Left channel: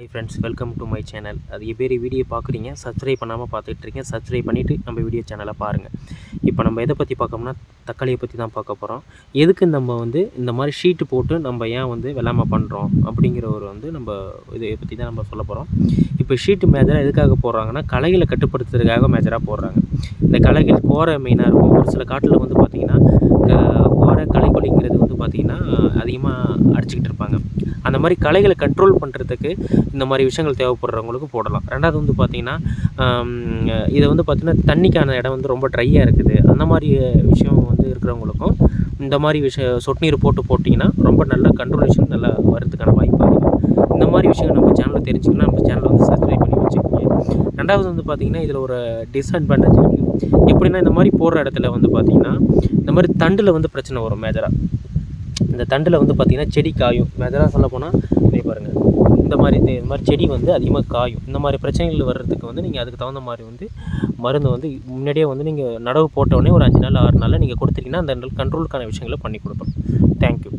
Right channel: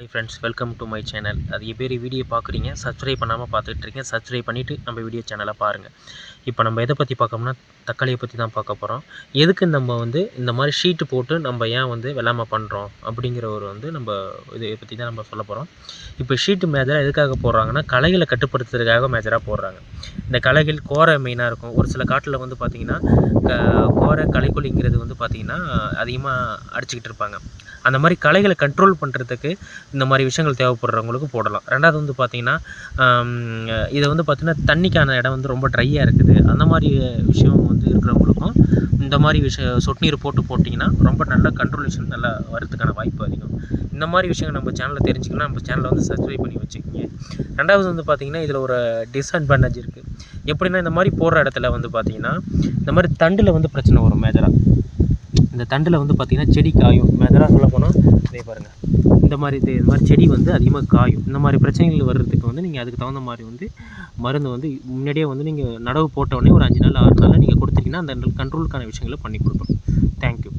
Hi friends, welcome to my channel. அது பேர் video பார்க்குறீங்க, சப்ஸ்கிரைப் பண்ணாமல் பார்த்துட்ருக்கீங்க. சப்ஸ்கிரைப் பண்ணிவிட்டு நம்ம வீடியோ சேனலை பாருங்கள். இப்போ நம்ம எதை பற்றி பார்க்கோம்னா, தக்காளியை பற்றி தான் பார்க்க போகிறோம். எதுக்கு நம்ம இந்த மாதிரி ஷீட்டு போட்டு நம்ம ஏன் வெள்ளாமை பண்ணுறோம் அப்படிங்கிற நம்ம இதை பற்றி தான் நம்ம சொல்ல போகிறோம். இப்போ ஷீட்டு மேஜராக எதுக்காக போடுறாங்கன்னா, களைகளை கட்டுப்படுத்துறதுக்காக மேஜராக போடுறாங்க. இந்த களைகள் கோரை மெயினாக இருக்கும். ஒரு சில காட்டில் பார்த்திங்கன்னா கோரை களைக்கொல்லிங்கிறது பார்த்திங்கன்னா அதிகமாக அடிச்சுக்கிட்டு இருப்பாங்க. அந்த மாதிரி களைகளை கண்ட்ரோல் பண்ணுறதுக்கு இந்த மாதிரி விஷயங்கள் தேவைப்படுறவங்களுக்கு போடலாம். ரெண்டாவது பார்த்திங்கன்னா, இதை பார்த்திங்கன்னா தண்ணிக்கான இடம் ரொம்ப ட்ரையாக இருக்குது. அந்த மாதிரி விஷயம் இருக்கிறவங்களுக்கும் இந்த மாதிரி சொட்டு நீர் போட்டிங்கன்னா ரொம்ப நல்ல கண்ட்ரோலேஷன் நல்லா வரதுக்கான வாய்ப்பு அதிகம். இந்த மாதிரி விஷயங்கள் நம்ம சேனலில் தெரிஞ்சுக்கணும். நம்ம சேனலை சப்ஸ்கிரைப் பண்ணி வச்சுக்கோங்க. ரெண்டாவது பார்த்திங்கன்னா, இதில் ஒரு டிஸ்அட்வான்டேஜ் இருக்குது. எப்படின்னா, இந்த மாதிரி போடுற இடத்துல பார்த்திங்கன்னா இந்த மாதிரி தண்டில் பிரச்சனை வரும். மேஜராக இந்த தண்டில் பார்த்திங்கன்னா செடி காயும். மேஜராக சொல்ல போனால் பாருங்கள், இந்த மாதிரி செடி அதிகமாக காயும். இந்த மாதிரி பிரச்சனைகள் வர்றதுக்கு நீங்கள் அதுக்கு தகுந்த மாதிரி மருந்து முன்னாடியே நீங்கள் நடவு போட்டவுடனே ஒரு 5 நாள் 6 நாளில் நீங்கள் கொடுத்தீங்கன்னா அந்த கண்ட்ரோலுக்கான விஷயங்களை பண்ணி கொடுப்போம். தேங்க்யூ.